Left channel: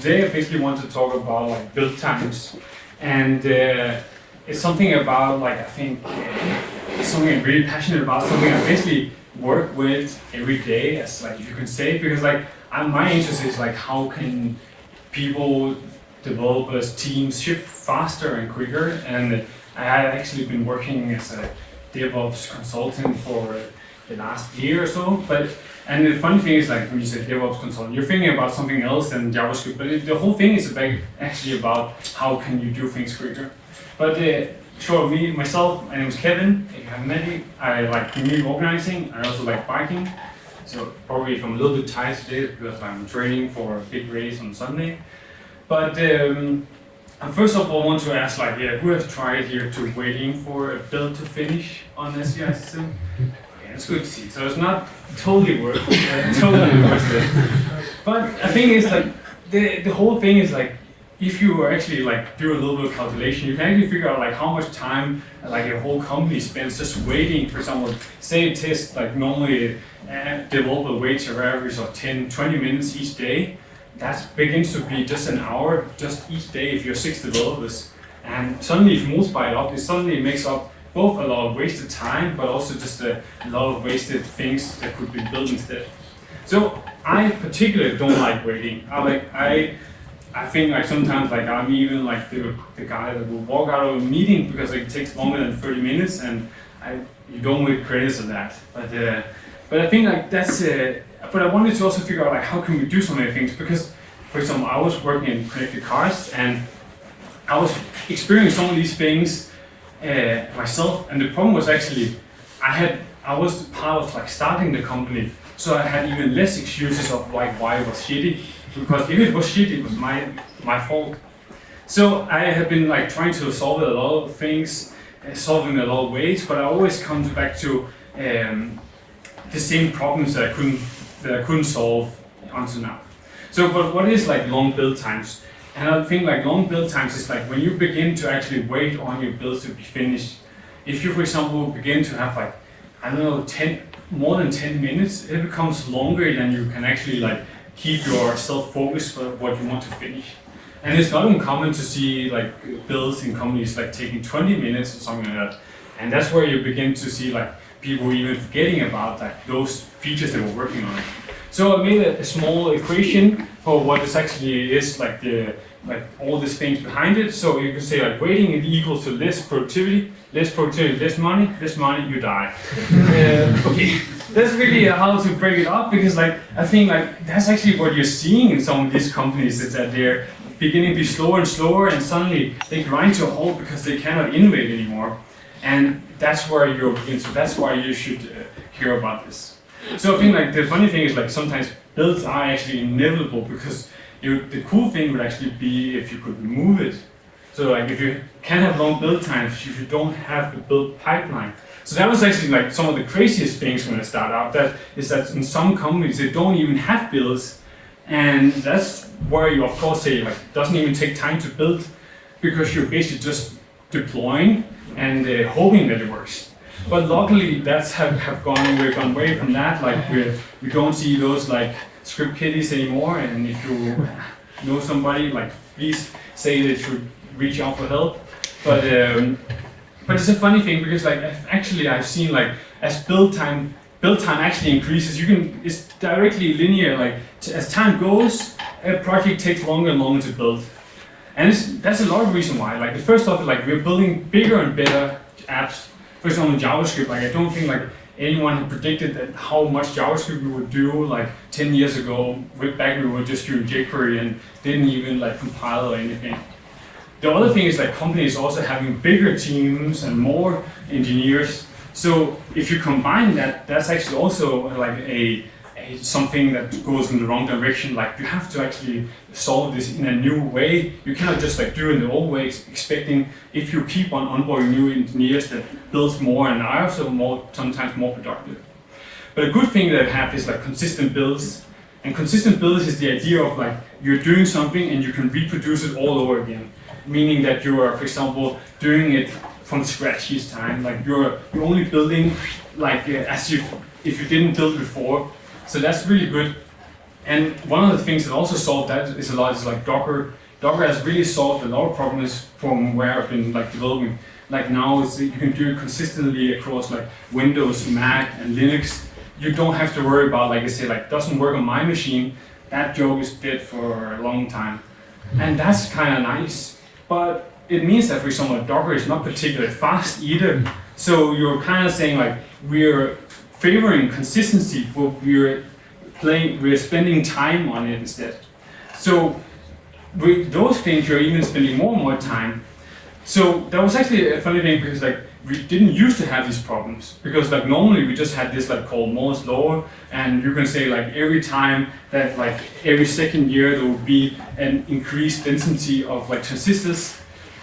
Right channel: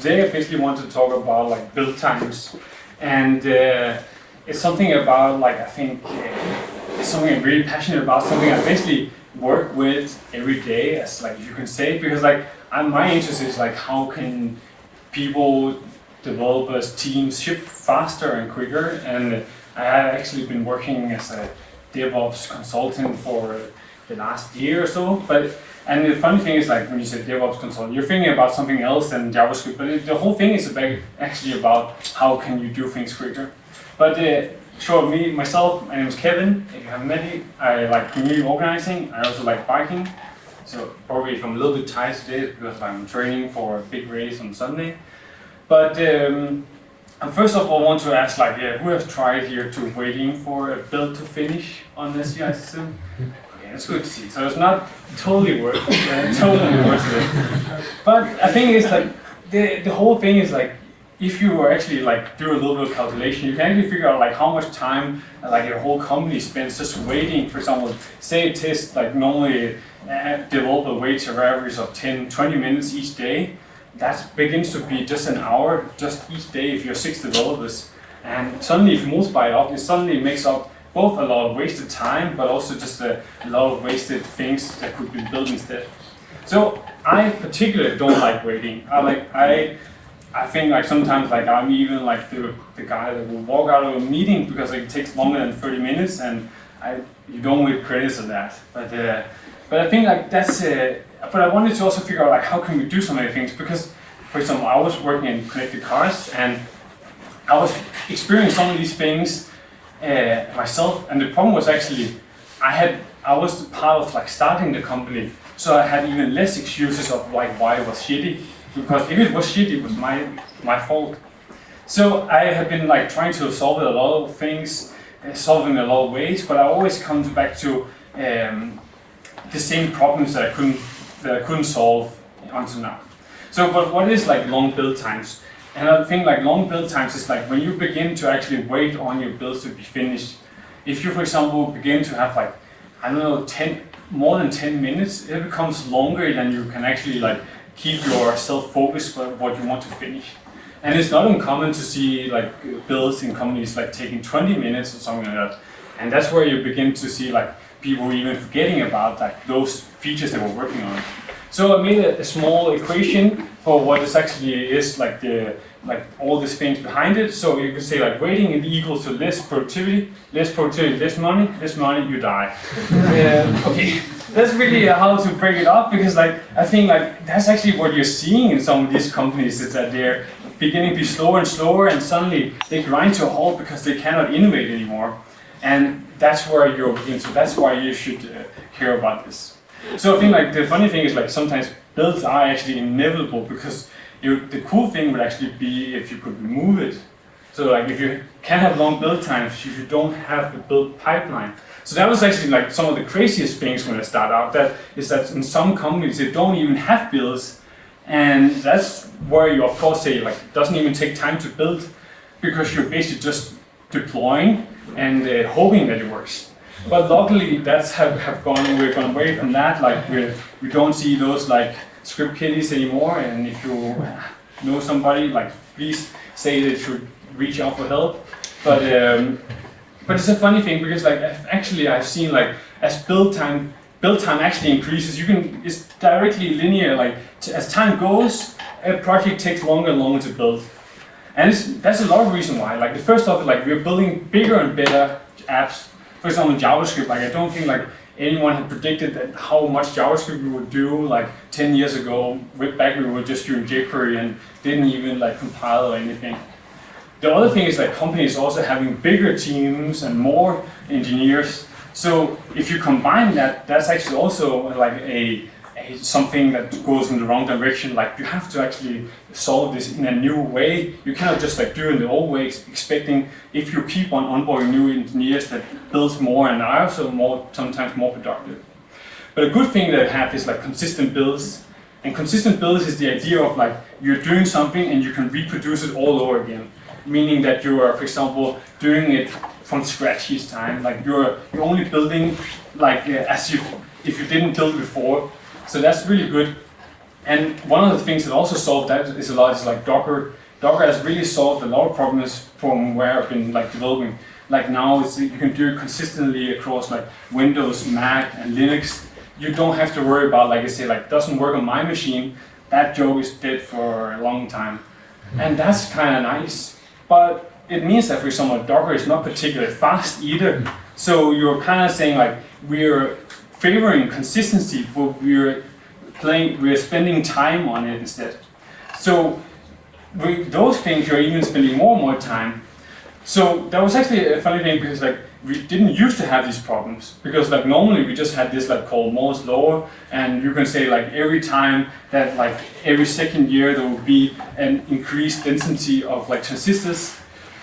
today I basically want to talk about like build times, and it's something about like I think it's something I'm really passionate about, something I basically work with every day, as like you can say, because like my interest is like how can people, developers, teams ship faster and quicker, and I have actually been working as a DevOps consultant for the last year or so, and the funny thing is like when you say DevOps consultant, you're thinking about something else than JavaScript, but the whole thing is actually about how can you do things quicker. But myself, my name is Kevin. If you haven't met me, I like community organizing. I also like biking. So probably if I'm a little bit tired today, it's because I'm training for a big race on Sunday. But first of all, I want to ask who has tried here to waiting for a build to finish on the CI system? Okay, that's good to see. So it's not totally worth it. But I think it's like the whole thing is like if you actually like do a little bit of calculation, you can actually figure out like how much time like your whole company spends just waiting for someone. Say a test like normally a developer waits an average of 10-20 minutes each day. That begins to be just an hour just each day if you're 6 developers. And suddenly if you multiply it up, it suddenly makes up both a lot of wasted time, but also just a lot of wasted things that could be built instead. So I particularly don't like waiting. I think like sometimes like I'm even like the guy that will walk out of a meeting because it takes longer than 30 minutes, and you don't get credits of that. But I think like that's but I wanted to also figure out like how can we do so many things, because for example I was working in connected cars and I was experiencing some of these things myself, and the problem was actually I was part of like starting the company, so I had even less excuses of like why it was shitty, because if it was shitty it was my fault. So I have been like trying to solve a lot of things, solving a lot of ways, but I always come back to the same problems that I couldn't solve until now. So, but what is like long build times? And I think like long build times is like when you begin to actually wait on your builds to be finished. If you, for example, begin to have like, I don't know, more than 10 minutes, it becomes longer than you can actually like keep yourself focused for what you want to finish. And it's not uncommon to see like builds in companies like taking 20 minutes or something like that. And that's where you begin to see like people even forgetting about like those features they were working on. So I made a small equation for what this actually is, like all these things behind it. So you could say like waiting is equal to less productivity, less money, you die. Okay, that's really how to break it up, because like I think like that's actually what you're seeing in some of these companies, is that they're beginning to be slower and slower, and suddenly they grind to a halt because they cannot innovate anymore. And that's where you're into. That's why you should care about this. So I think like the funny thing is like sometimes builds are actually inevitable, because the cool thing would actually be if you could remove it. So like if you can have long build times, if you don't have the build pipeline. So that was actually like some of the craziest things when I started out. That is that in some companies they don't even have builds, and that's where you of course say like it doesn't even take time to build, because you're basically just deploying and hoping that it works. But luckily we've gone away from that. Like we don't see those like script kiddies anymore. And if you know somebody, like please say they should reach out for help. But it's a funny thing, because like I've seen like as build time actually increases, it's directly linear. Like as time goes, a project takes longer and longer to build. And that's a lot of reason why. Like the first off, like we're building bigger and better apps. For example, JavaScript. Like I don't think like anyone had predicted that how much JavaScript we would do like 10 years ago. Back we were just doing jQuery and didn't even like compile or anything. The other thing is like companies also having bigger teams and more engineers. So if you combine that, that's actually also like something that goes in the wrong direction. Like you have to actually solve this in a new way. You cannot just like do it in the old way, expecting if you keep on onboarding new engineers that builds more and are also sometimes more productive. But a good thing that I have is like consistent builds. And consistent builds is the idea of like you're doing something and you can reproduce it all over again. Meaning that you are, for example, doing it from scratch each time. Like you're only building like if you didn't build before. So that's really good. And one of the things that also solved that is like Docker. Docker has really solved a lot of problems from where I've been like developing. Like now you can do it consistently across like Windows, Mac, and Linux. You don't have to worry about, like I say, like doesn't work on my machine. That joke is dead for a long time. And that's kind of nice. But it means that, for example, Docker is not particularly fast either. So you're kind of saying like we're favoring consistency, but we're spending time on it instead. So with those things, you're even spending more and more time. So that was actually a funny thing because like we didn't used to have these problems because like normally we just had this like called Moore's law, and you can say like every time that like every second year there will be an increased density of like transistors.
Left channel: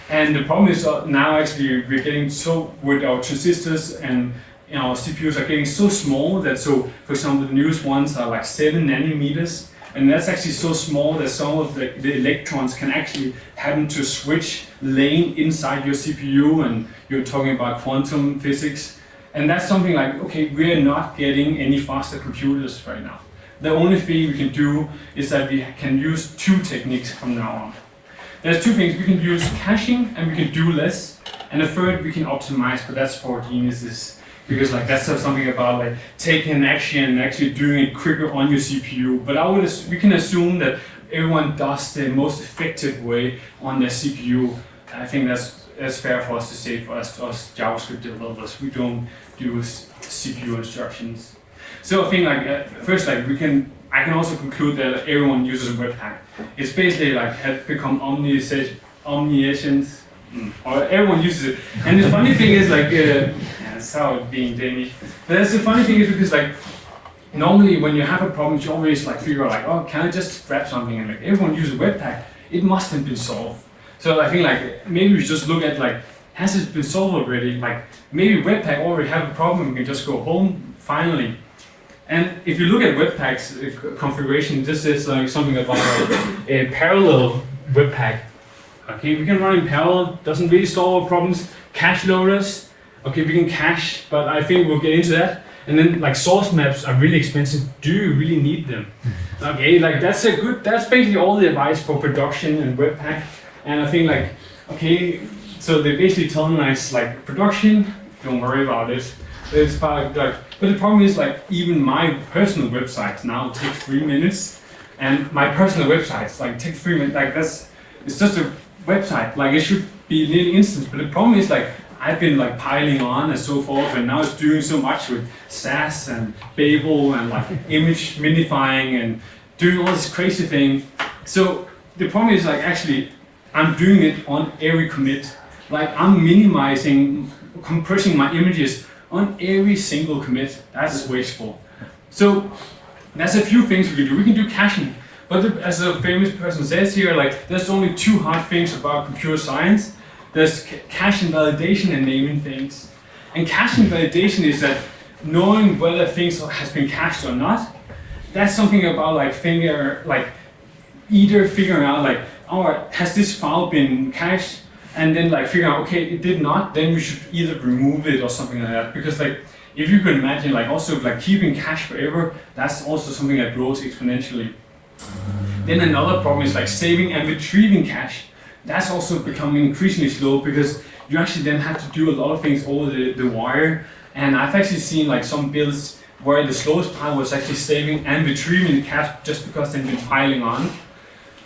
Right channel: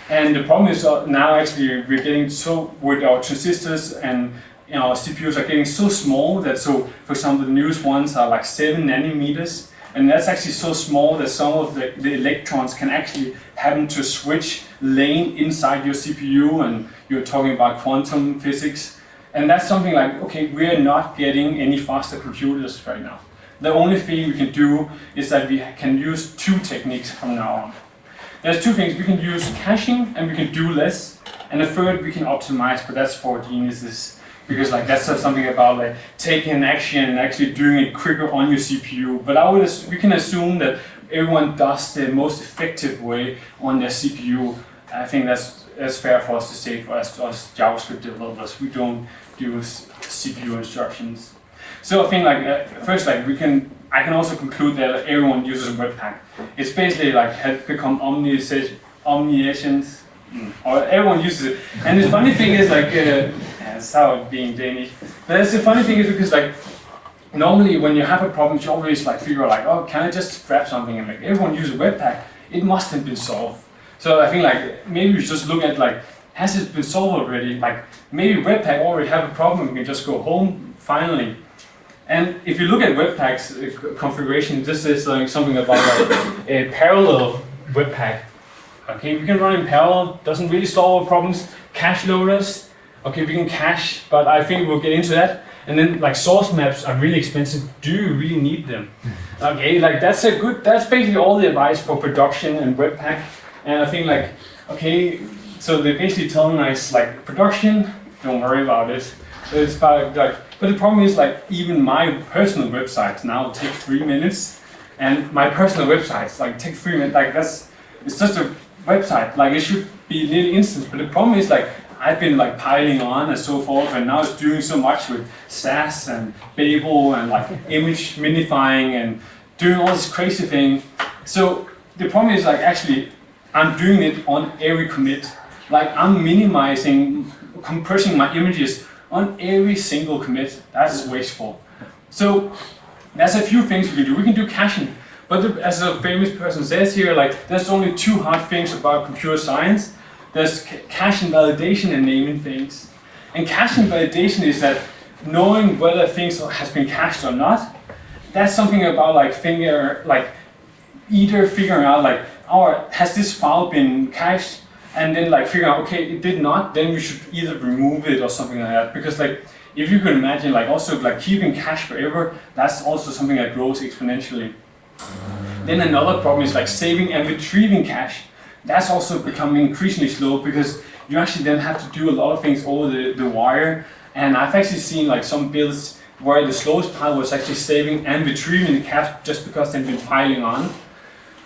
And the problem is now actually we're getting so with our transistors and our CPUs are getting so small that for example the newest ones are like 7 nanometers. And that's actually so small that some of the electrons can actually happen to switch lane inside your CPU, and you're talking about quantum physics. And that's something like, okay, we're not getting any faster computers right now. The only thing we can do is that we can use 2 techniques from now on. There's 2 things. We can use caching and we can do less. And the third we can optimize, but that's for geniuses. Because like that's something about like taking an action and actually doing it quicker on your CPU. But we can assume that everyone does the most effective way on their CPU. I think that's fair for us to say for us JavaScript developers. We don't do CPU instructions. So I think like first like I can also conclude that everyone uses Webpack. It's basically like had become omniscient. Or everyone uses it. And the funny thing is like that's how it being Danish. But that's the funny thing is because like normally when you have a problem you always like figure out like, oh, can I just grab something, and like everyone uses Webpack, it must have been solved. So I think like maybe we just look at like, has it been solved already? Like maybe Webpack already have a problem, we can just go home finally. And if you look at Webpack's configuration, this is like something about like a parallel Webpack. Okay, we can run in parallel, doesn't really solve our problems. Cache loaders, okay, we can cache, but I think we'll get into that. And then like source maps are really expensive. Do you really need them? Okay, like that's basically all the advice for production and Webpack. And I think like, okay, so they're basically telling us like production, don't worry about it. It's about like, but the problem is like even my personal websites now take 3 minutes, and my personal websites like take 3 minutes. Like it's just a website, like it should be nearly instant, but the problem is like I've been like piling on and so forth, and now it's doing so much with SAS and bazel and like image minifying and doing all this crazy thing. So the problem is like actually I'm doing it on every commit. Like I'm compressing my images on every single commit. That's wasteful. So there's a few things we can do. We can do caching. But as a famous person says here, like there's only 2 hard things about computer science. There's cache and validation and naming things. And cache and validation is that knowing whether things has been cached or not. That's something about like either figuring out like, oh, has this file been cached? And then like figuring out, okay, it did not, then we should either remove it or something like that. Because like if you can imagine like also like keeping cache forever, that's also something that grows exponentially. Then another problem is like saving and retrieving cache. That's also becoming increasingly slow because you actually then have to do a lot of things over the wire. And I've actually seen like some builds where the slowest part was actually saving and retrieving the cache just because they've been piling on.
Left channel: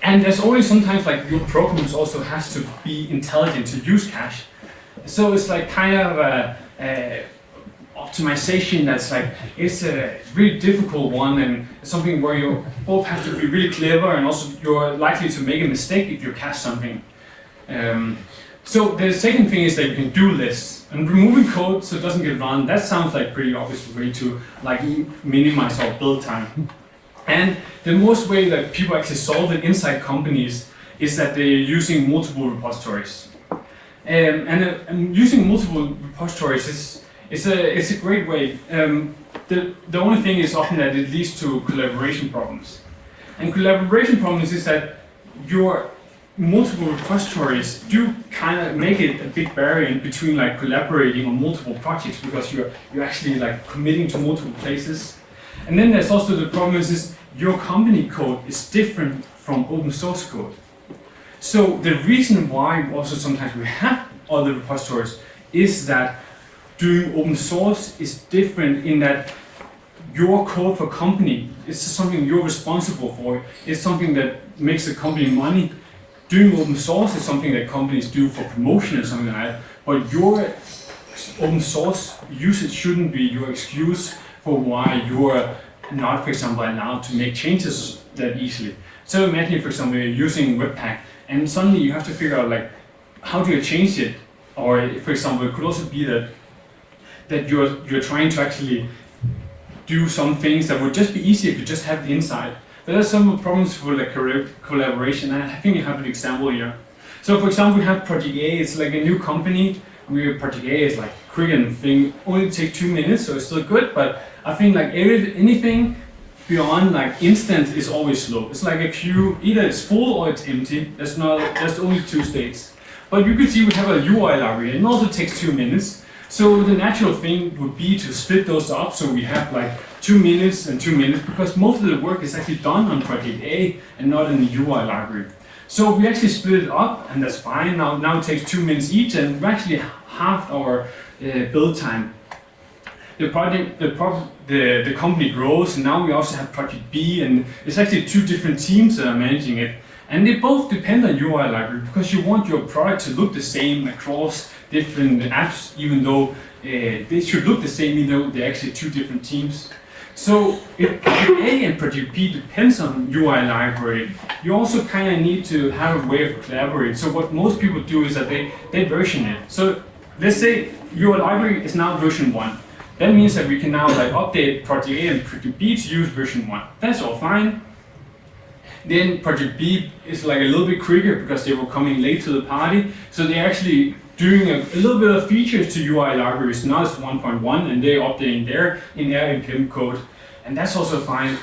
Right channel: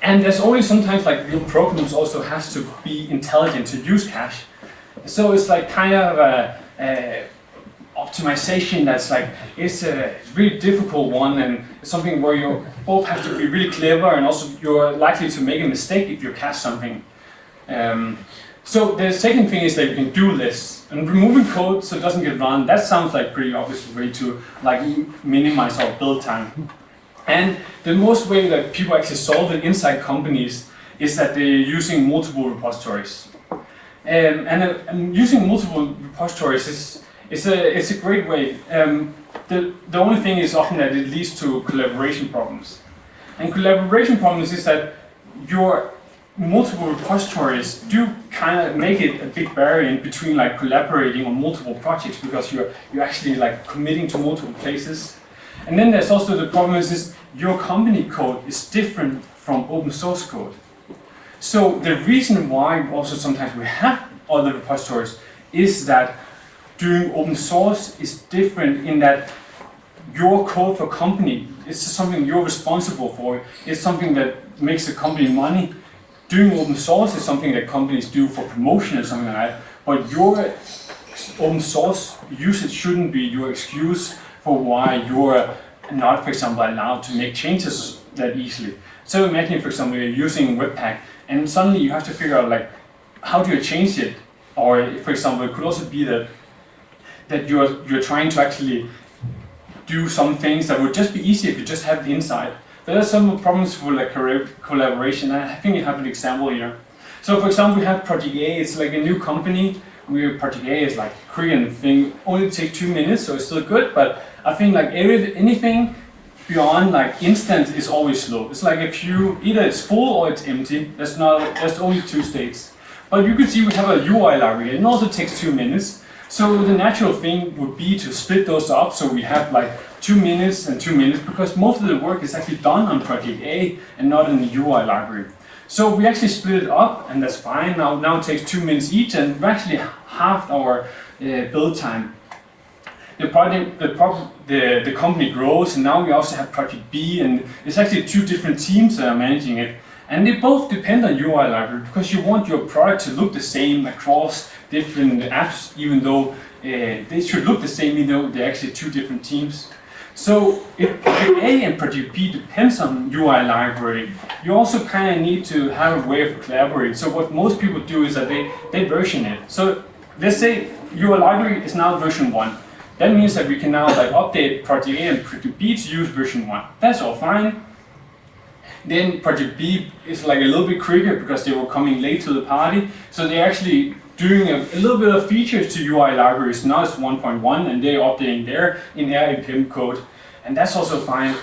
And there's only sometimes like your programs also has to be intelligent to use cache. So it's like kind of a optimization that's like, it's a really difficult one, and something where you both have to be really clever and also you're likely to make a mistake if you cache something. So the second thing is that you can do less. And removing code so it doesn't get run, that sounds like pretty obvious way to like minimize our build time. And the most way that people actually solve it inside companies is that they're using multiple repositories. And using multiple repositories it's a great way. The only thing is often that it leads to collaboration problems. And collaboration problems is that your multiple repositories do kind of make it a big barrier in between like collaborating on multiple projects because you're actually like committing to multiple places. And then there's also the problem is your company code is different from open source code. So the reason why also sometimes we have other repositories is that doing open source is different in that your code for company is something you're responsible for. It's something that makes the company money. Doing open source is something that companies do for promotion or something like that. But your open source usage shouldn't be your excuse for why you're not, for example, allowed to make changes that easily. So imagine, for example, you're using Webpack and suddenly you have to figure out like, how do you change it? Or for example, it could also be that you're trying to actually do some things that would just be easy if you just have the insight. But there's some problems for like collaboration, and I think you have an example here. So for example, we have Project A, it's like a new company. Project A is like quick and thing, only take 2 minutes, so it's still good, but I think like anything beyond like instant is always slow. It's like a queue, either it's full or it's empty. There's only 2 states. But you can see we have a UI library, and it also takes 2 minutes. So the natural thing would be to split those up, so we have like 2 minutes and 2 minutes, because most of the work is actually done on Project A and not in the UI library. So we actually split it up, and that's fine. Now it takes 2 minutes each, and we actually halved our build time. The company grows, and now we also have Project B, and it's actually 2 different teams that are managing it. And they both depend on UI library, because you want your product to look the same across different apps, even though they should look the same, even though they're actually 2 different teams. So if Project A and Project B depends on UI library, you also kind of need to have a way of collaborating. So what most people do is that they version it. So let's say UI library is now version 1. That means that we can now like update Project A and Project B to use version 1. That's all fine. Then Project B is like a little bit quicker because they were coming late to the party. So they're actually doing a little bit of features to UI libraries, now it's 1.1, and they're updating in their npm code. And that's also fine.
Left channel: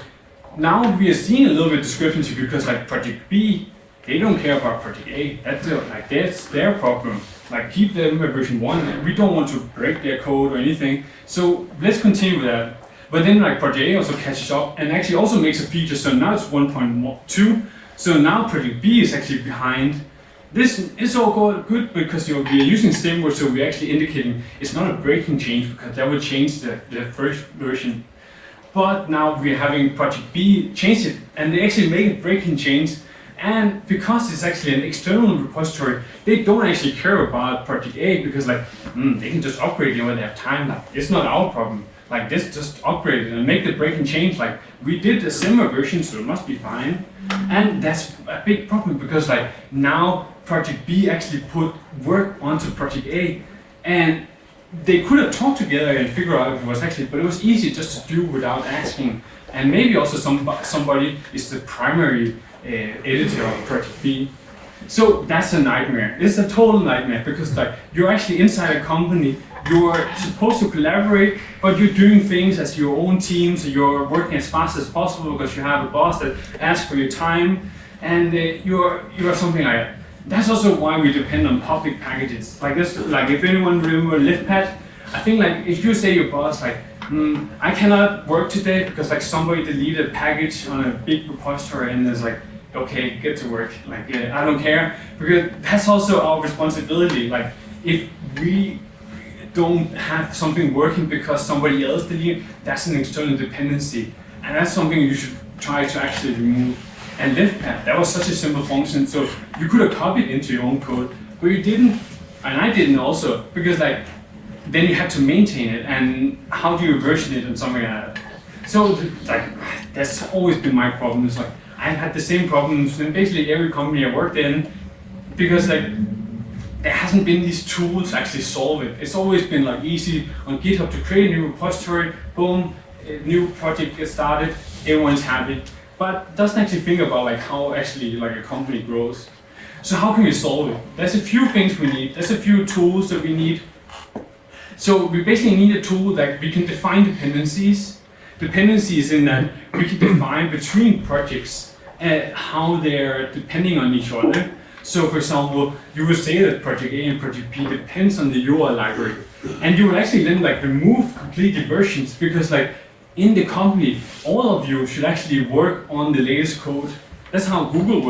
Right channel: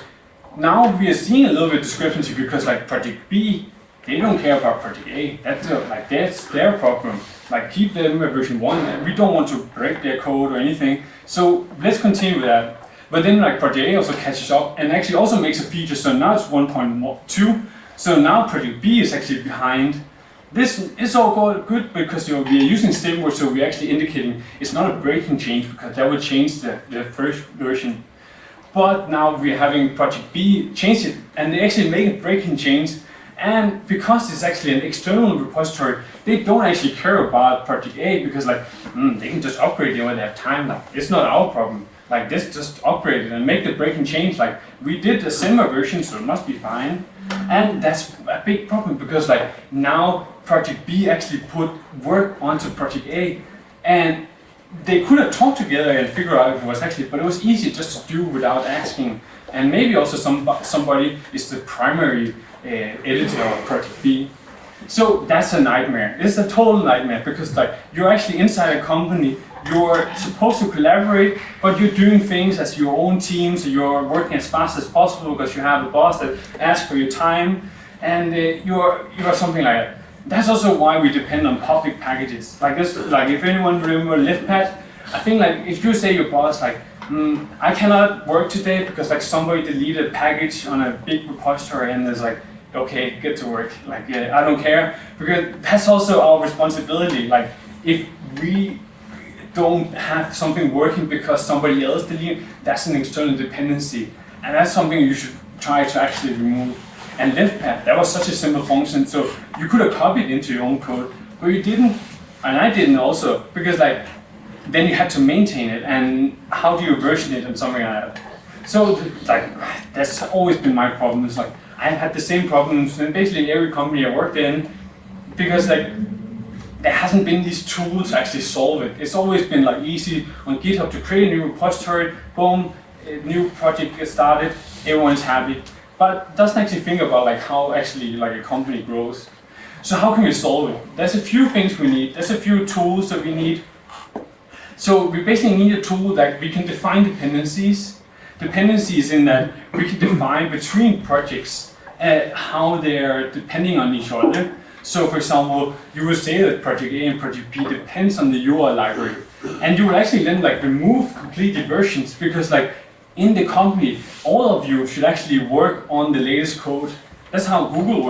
Now we are seeing a little bit of discrepancy because like Project B, they don't care about Project A. That's their problem. Like keep them at version 1, and we don't want to break their code or anything. So let's continue with that. But then like Project A also catches up and actually also makes a feature, so now it's 1.2. So now Project B is actually behind. This is all good because we are using same word, so we're actually indicating it's not a breaking change because that would change the first version. But now we're having Project B change it, and they actually make a breaking change. And because it's actually an external repository, they don't actually care about Project A because like they can just upgrade it when they have time. Like it's not our problem. Like this, just upgrade it and make the breaking change. Like we did a similar version, so it must be fine. And that's a big problem because like now Project B actually put work onto Project A, and they could have talked together and figured out if it was actually, but it was easy just to do without asking. And maybe also somebody is the primary editor of Project B. So that's a nightmare. It's a total nightmare because like you're actually inside a company, you're supposed to collaborate, but you're doing things as your own team, so you're working as fast as possible because you have a boss that asks for your time, and you're something like that. That's also why we depend on public packages. Like this, like if anyone remember LiftPad, I think like if you say your boss like, I cannot work today because like somebody deleted a package on a big repository, and it's like, okay, get to work. Like I don't care, because that's also our responsibility. Like if we don't have something working because somebody else deleted, that's an external dependency, and that's something you should try to actually remove. And LiftPad, that was such a simple function, so you could have copied into your own code, but you didn't, and I didn't also, because like then you had to maintain it, and how do you version it and something like that. So like that's always been my problem. It's like I've had the same problems in basically every company I worked in, because like there hasn't been these tools to actually solve it. It's always been like easy on GitHub to create a new repository, boom, a new project gets started, everyone's happy. But doesn't actually think about like how actually like a company grows. So how can we solve it? There's a few things we need. There's a few tools that we need. So we basically need a tool that we can define dependencies. Dependencies in that we can define between projects how they're depending on each other. So for example, you would say that Project A and Project B depends on the UI library. And you would actually then like remove completely versions, because like in the company, all of you should actually work on the latest code. That's how Google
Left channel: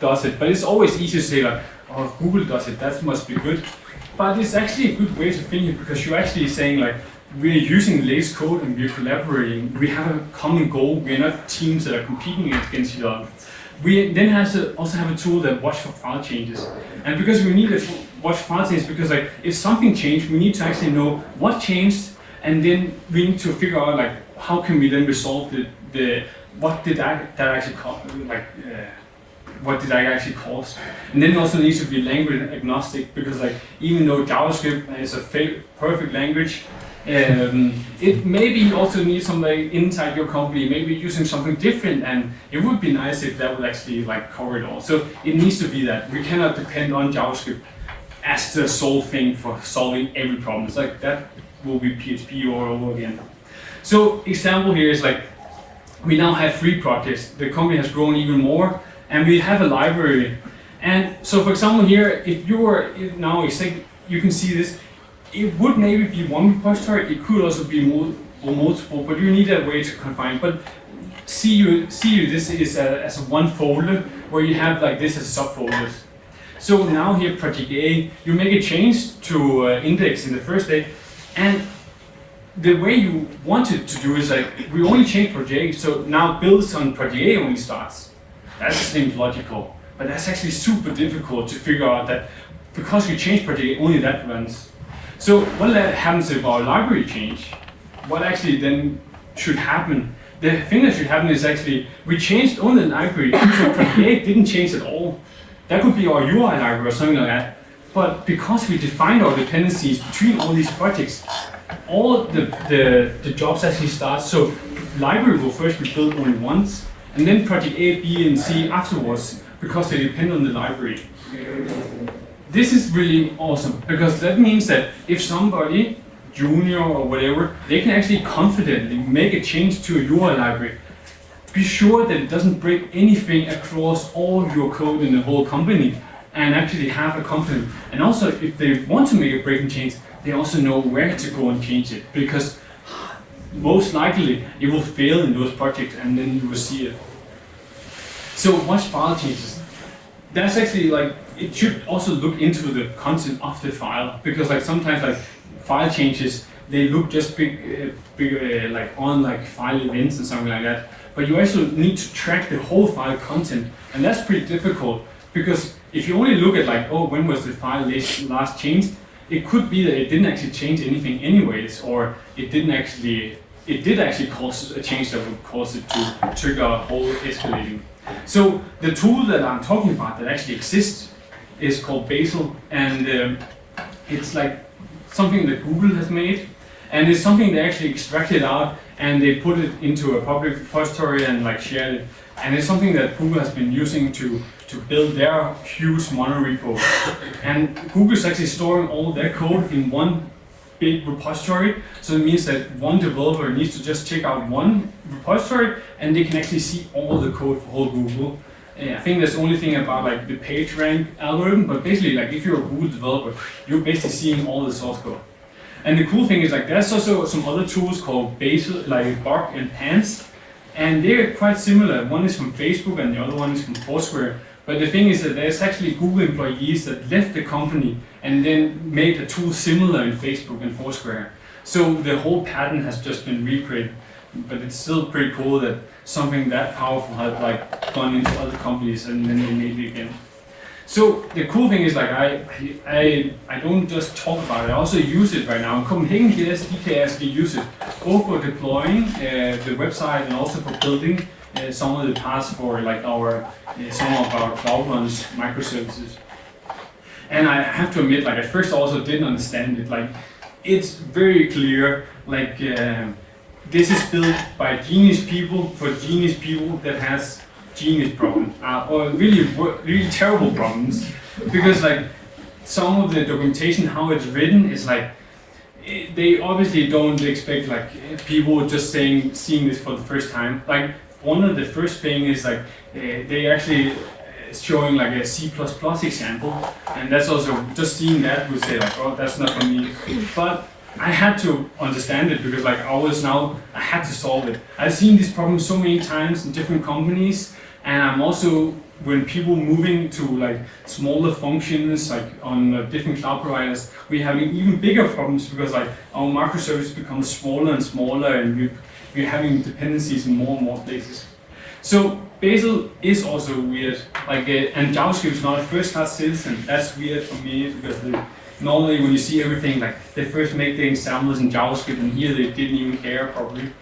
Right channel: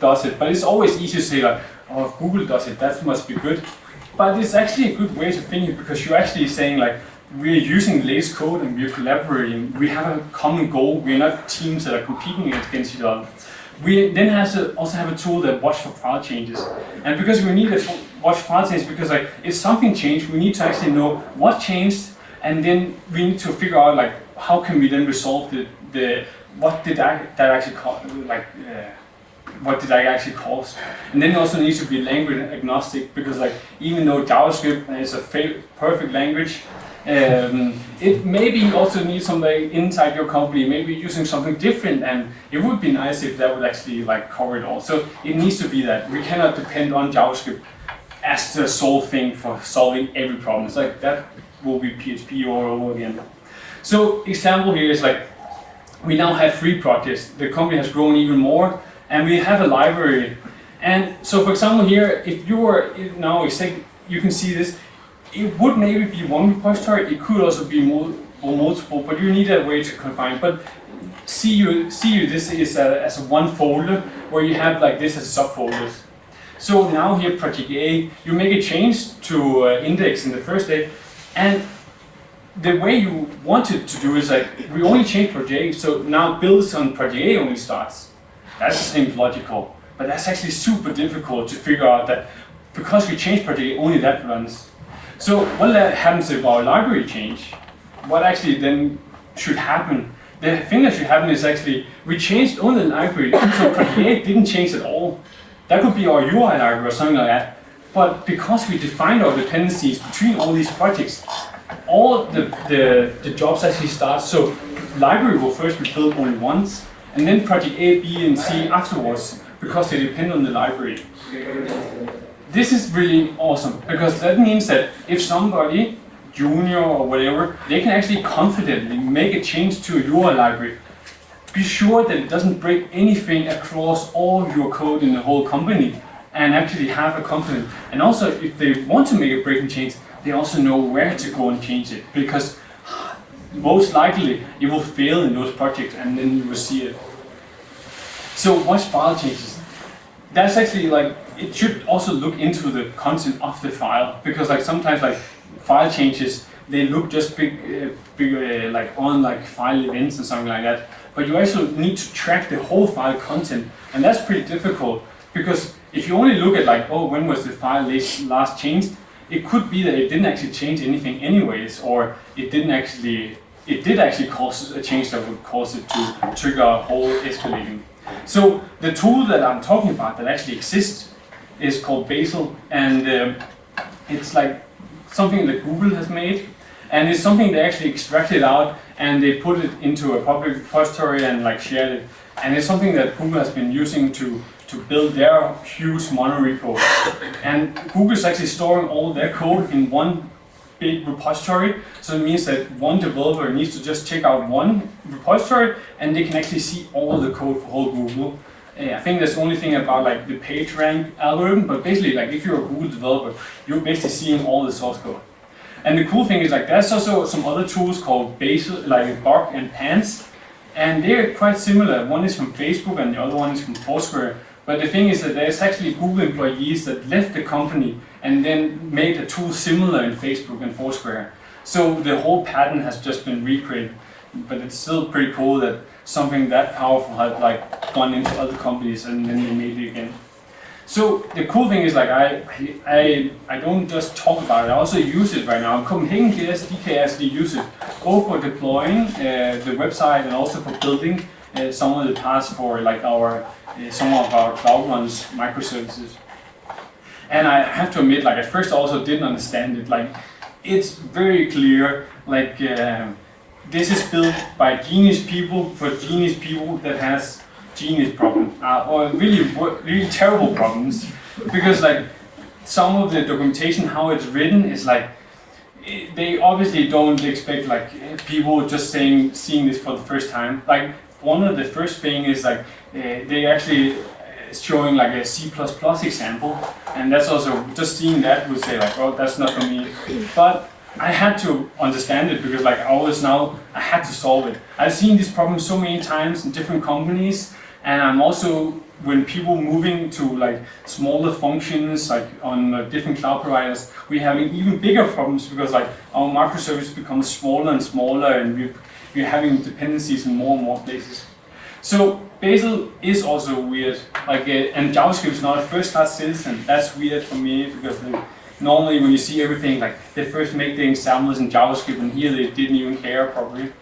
does it. But it's always easy to say like, oh, if Google does it, that must be good. But it's actually a good way to think it, because you're actually saying like, we're using the latest code and we're collaborating. We have a common goal. We're not teams that are competing against each other. We then also have a tool that watch for file changes. And because we need to watch file changes, because like if something changed, we need to actually know what changed, and then we need to figure out like how can we then resolve what did that actually what did I actually cause? And then it also needs to be language agnostic, because like even though JavaScript is a perfect language, it maybe also needs somebody inside your company maybe using something different, and it would be nice if that would actually like cover it all. So it needs to be that we cannot depend on JavaScript as the sole thing for solving every problem. It's like that will be PHP all over again. So example here is like we now have 3 projects. The company has grown even more, and we have a library. And so for example here, if you were now you can see this. It would maybe be one repository. It could also be multiple, but you need a way to confine. But see this is as one folder where you have like this as subfolders. So now here, project A, you make a change to index in the first day, and the way you wanted to do is like we only change project A, so now builds on project A only starts. That seems logical, but that's actually super difficult to figure out that because we change project A, only that runs. So what happens if our library change? What actually then should happen? The thing that should happen is actually we changed only the library, so project A didn't change at all. That could be our UI library or something like that. But because we defined our dependencies between all these projects, all the jobs actually start. So library will first be built only once, and then project A, B, and C afterwards, because they depend on the library. This is really awesome, because that means that if somebody, junior or whatever, they can actually confidently make a change to a UI library. Be sure that it doesn't break anything across all of your code in the whole company, and actually have a confidence. And also, if they want to make a breaking change, they also know where to go and change it, because most likely it will fail in those projects, and then you will see it. So watch file changes. That's actually like, it should also look into the content of the file, because like sometimes like file changes, they look just big like on like file events and something like that. But you also need to track the whole file content, and that's pretty difficult, because if you only look at like, oh, when was the file last changed, it could be that it didn't actually change anything anyways, or it did actually cause a change that would cause it to trigger a whole escalating. So the tool that I'm talking about that actually exists is called Bazel, and it's like something that Google has made, and it's something they actually extracted out and they put it into a public repository and like shared it. And it's something that Google has been using to build their huge monorepo. And Google is actually storing all their code in one big repository. So it means that one developer needs to just check out one repository and they can actually see all the code for whole Google. I think that's the only thing about like the page rank algorithm, but basically like if you're a Google developer, you're basically seeing all the source code. And the cool thing is like there's also some other tools called Bazel, like Bark and Pants, and they're quite similar. One is from Facebook and the other one is from Foursquare. But the thing is that there's actually Google employees that left the company and then made a tool similar in Facebook and Foursquare. So the whole pattern has just been recreated, but it's still pretty cool that something that powerful had like gone into other companies and then they made it again. So the cool thing is like I don't just talk about it, I also use it right now. In Copenhagen DK actually use it both for deploying the website and also for building some of the parts for like our some of our cloud runs microservices. And I have to admit, like at first I also didn't understand it. Like it's very clear, like this is built by genius people for genius people that has genius problems or really terrible problems, because like some of the documentation, how it's written, is like they obviously don't expect like people just seeing this for the first time. Like one of the first thing is like they actually showing like a C++ example, and that's also just seeing that would say like, oh, that's not for me. But I had to understand it because like I had to solve it. I've seen this problem so many times in different companies, and I'm also, when people moving to like smaller functions like on different cloud providers, we're having even bigger problems because like our microservice becomes smaller and smaller, and we're having dependencies in more and more places. So Bazel is also weird, like and JavaScript is not a first-class citizen. That's weird for me because normally when you see everything, like they first make the examples in JavaScript, and here they didn't even care probably.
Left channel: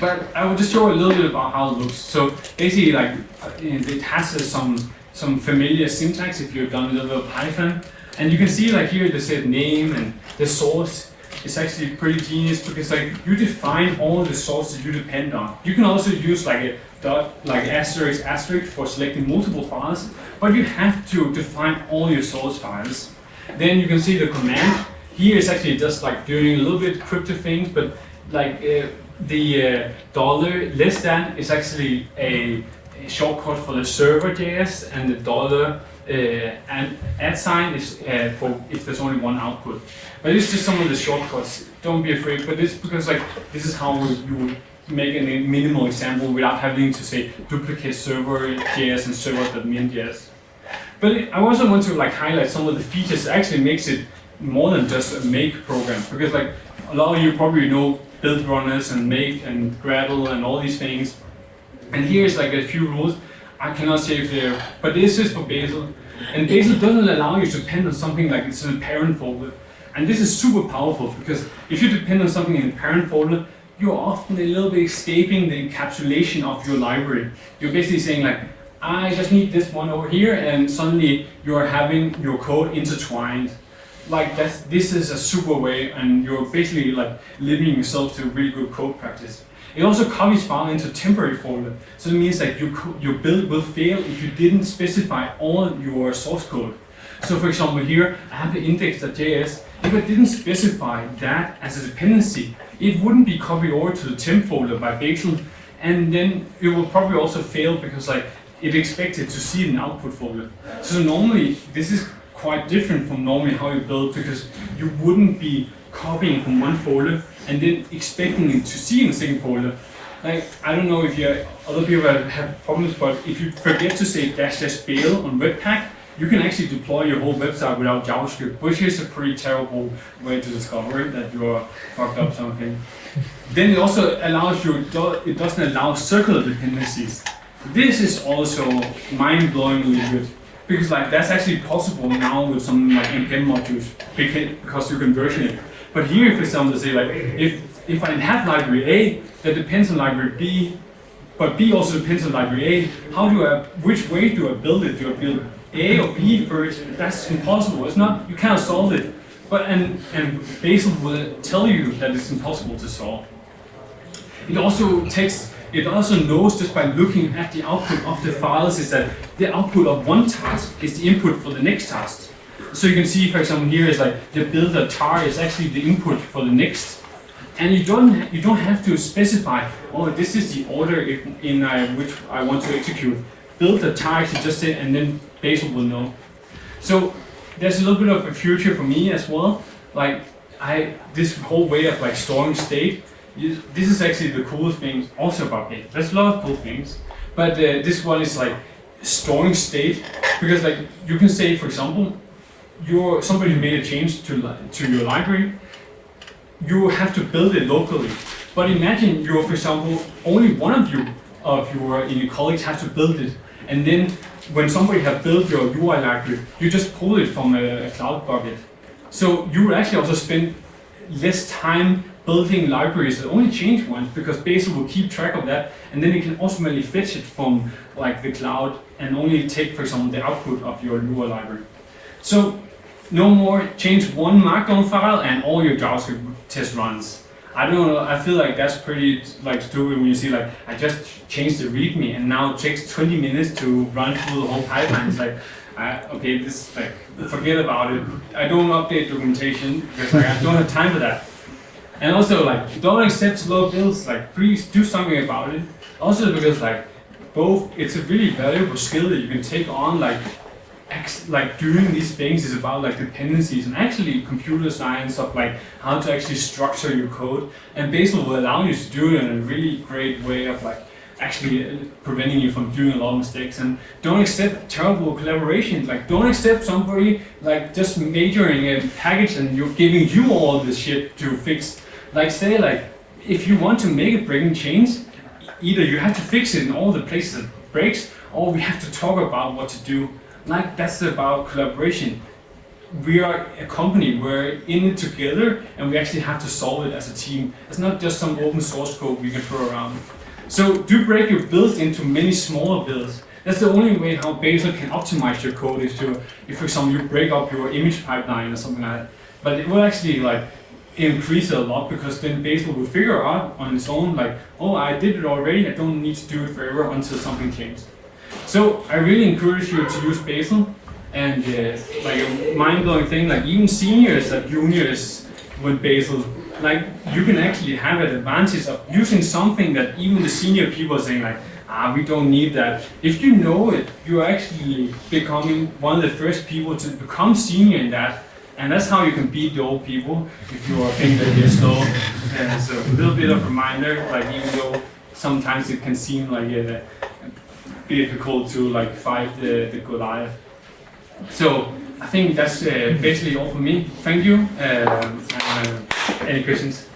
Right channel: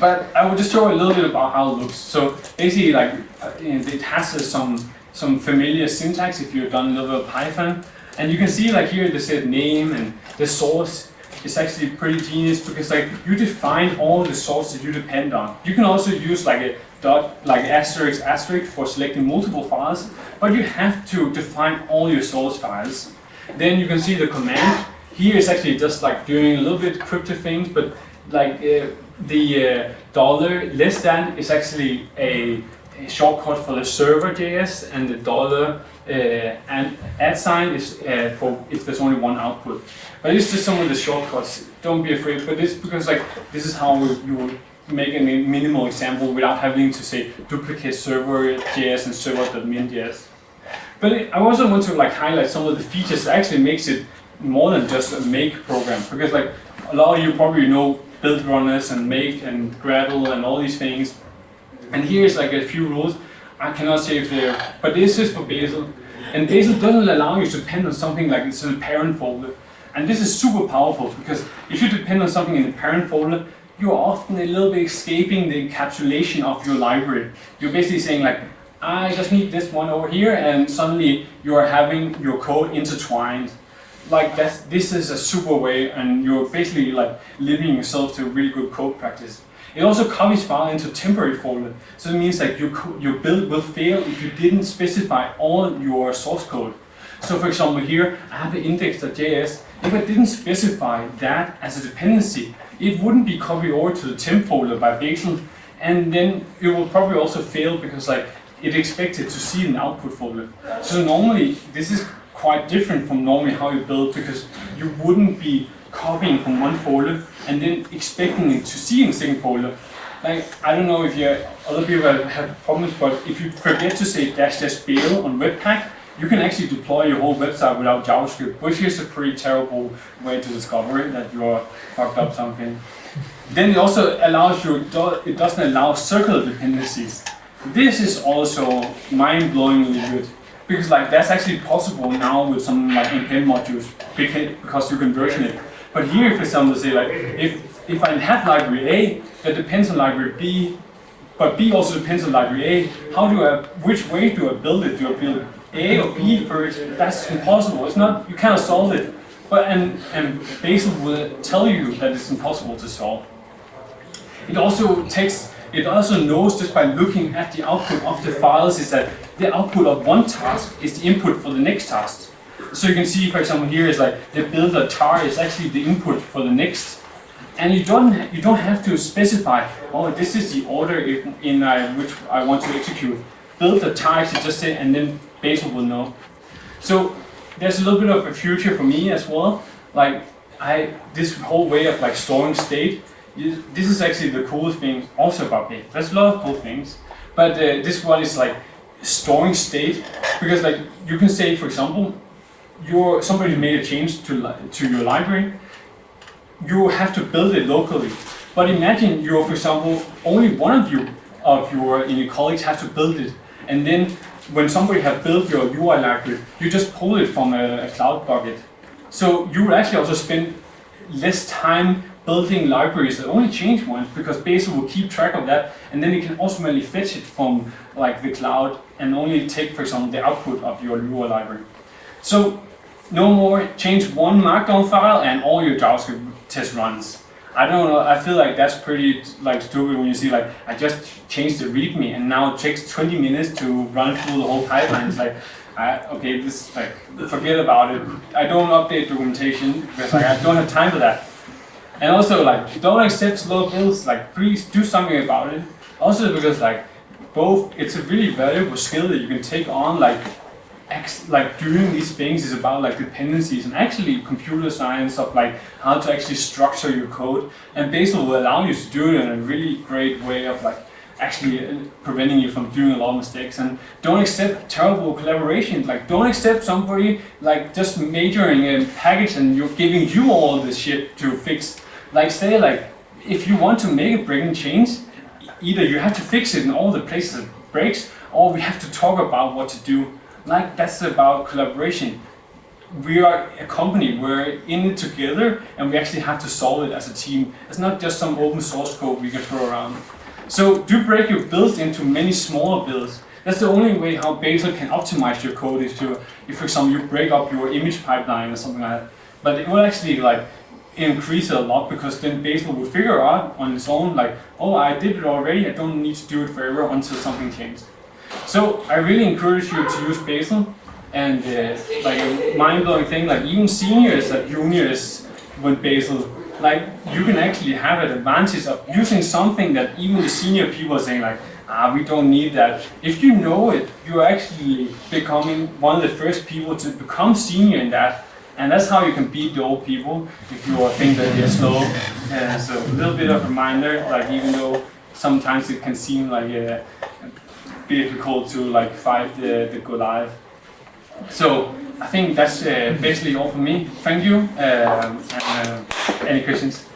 But I will just show you a little bit about how it looks. So basically, like it has some familiar syntax if you've done a little bit of Python, and you can see like here they said name and the source. It's actually pretty genius because like you define all the sources you depend on. You can also use like a dot, like asterisk asterisk for selecting multiple files, but you have to define all your source files. Then you can see the command. Here is actually just like doing a little bit cryptic things, but like the dollar less than is actually a shortcut for the server.js, and the dollar and add sign is for if there's only one output. But it's just some of the shortcuts. Don't be afraid, but it's because like this is how you would make a minimal example without having to say duplicate server.js and server.min.js. But I also want to like highlight some of the features that actually makes it more than just a make program, because like a lot of you probably know build runners and make and Gradle and all these things. And here's like a few rules. I cannot say if they're, but this is for Bazel. And Bazel doesn't allow you to depend on something like it's in a parent folder. And this is super powerful because if you depend on something in the parent folder, you're often a little bit escaping the encapsulation of your library. You're basically saying like, I just need this one over here, and suddenly you are having your code intertwined. Like this is a super way, and you're basically like limiting yourself to really good code practice. It also copies file into temporary folder, so it means like your build will fail if you didn't specify all your source code. So for example here, I have the index.js. If I didn't specify that as a dependency, it wouldn't be copied over to the temp folder by Bazel, and then it will probably also fail because like it expected to see an output folder. So normally this is quite different from normally how you build, because you wouldn't be copying from one folder and then expecting it to see in the second folder. Like, I don't know if other people have problems, but if you forget to say --bail on Webpack, you can actually deploy your whole website without JavaScript, which is a pretty terrible way to discover that you're fucked up something. Then it also allows you, it doesn't allow circular dependencies. This is also mind-blowingly good, because like that's actually possible now with some like npm modules because you can version it. But here, for example, say like if I have library A that depends on library B, but B also depends on library A, which way do I build it? Do I build A or B first? That's impossible. It's not, you cannot solve it. But and Bazel will tell you that it's impossible to solve. It also knows just by looking at the output of the files is that the output of one task is the input for the next task. So you can see, for example, here is like the builder tar is actually the input for the next, and you don't have to specify, oh, this is the order in which I want to execute. Builder tar actually just say, and then Bazel will know. So there's a little bit of a future for me as well. Like this whole way of like storing state. This is actually the coolest thing also about it. There's a lot of cool things, but this one is like storing state, because like you can say, for example, somebody made a change to your library. You have to build it locally, but imagine for example, only one of your colleagues has to build it, and then when somebody has built your UI library, you just pull it from a cloud bucket. So you will actually also spend less time building libraries that only change once, because Bazel will keep track of that, and then it can ultimately fetch it from like the cloud and only take, for example, the output of your UI library. So no more change one markdown file and all your JavaScript test runs. I don't know, I feel like that's pretty like stupid when you see like I just changed the README and now it takes 20 minutes to run through the whole pipeline. It's like, okay, this like forget about it. I don't update documentation because like I don't have time for that. And also like don't accept slow builds, like please do something about it. Also because like it's a really valuable skill that you can take on like like doing these things is about like dependencies and actually computer science of like how to actually structure your code. And Bazel will allow you to do it in a really great way of like actually preventing you from doing a lot of mistakes. And don't accept terrible collaboration. Like don't accept somebody like just majoring a package and you're giving you all this shit to fix. Like say like if you want to make a breaking change, either you have to fix it in all the places it breaks, or we have to talk about what to do. Like that's about collaboration. We are a company, we're in it together, and we actually have to solve it as a team. It's not just some open source code we can throw around. So do break your builds into many smaller builds. That's the only way how Bazel can optimize your code is to, if for example you break up your image pipeline or something like that. But it will actually like increase it a lot because then Bazel will figure out on its own like, oh, I did it already, I don't need to do it forever until something changed. So I really encourage you to use Bazel, and like a mind-blowing thing, like even seniors and juniors with Bazel, like you can actually have an advantage of using something that even the senior people are saying like, we don't need that. If you know it, you're actually becoming one of the first people to become senior in that. And that's how you can beat the old people if you think that they're slow. So a little bit of a reminder, like even though sometimes it can seem like difficult to like fight the Goliath. So I think that's basically all for me. Thank you. Any questions?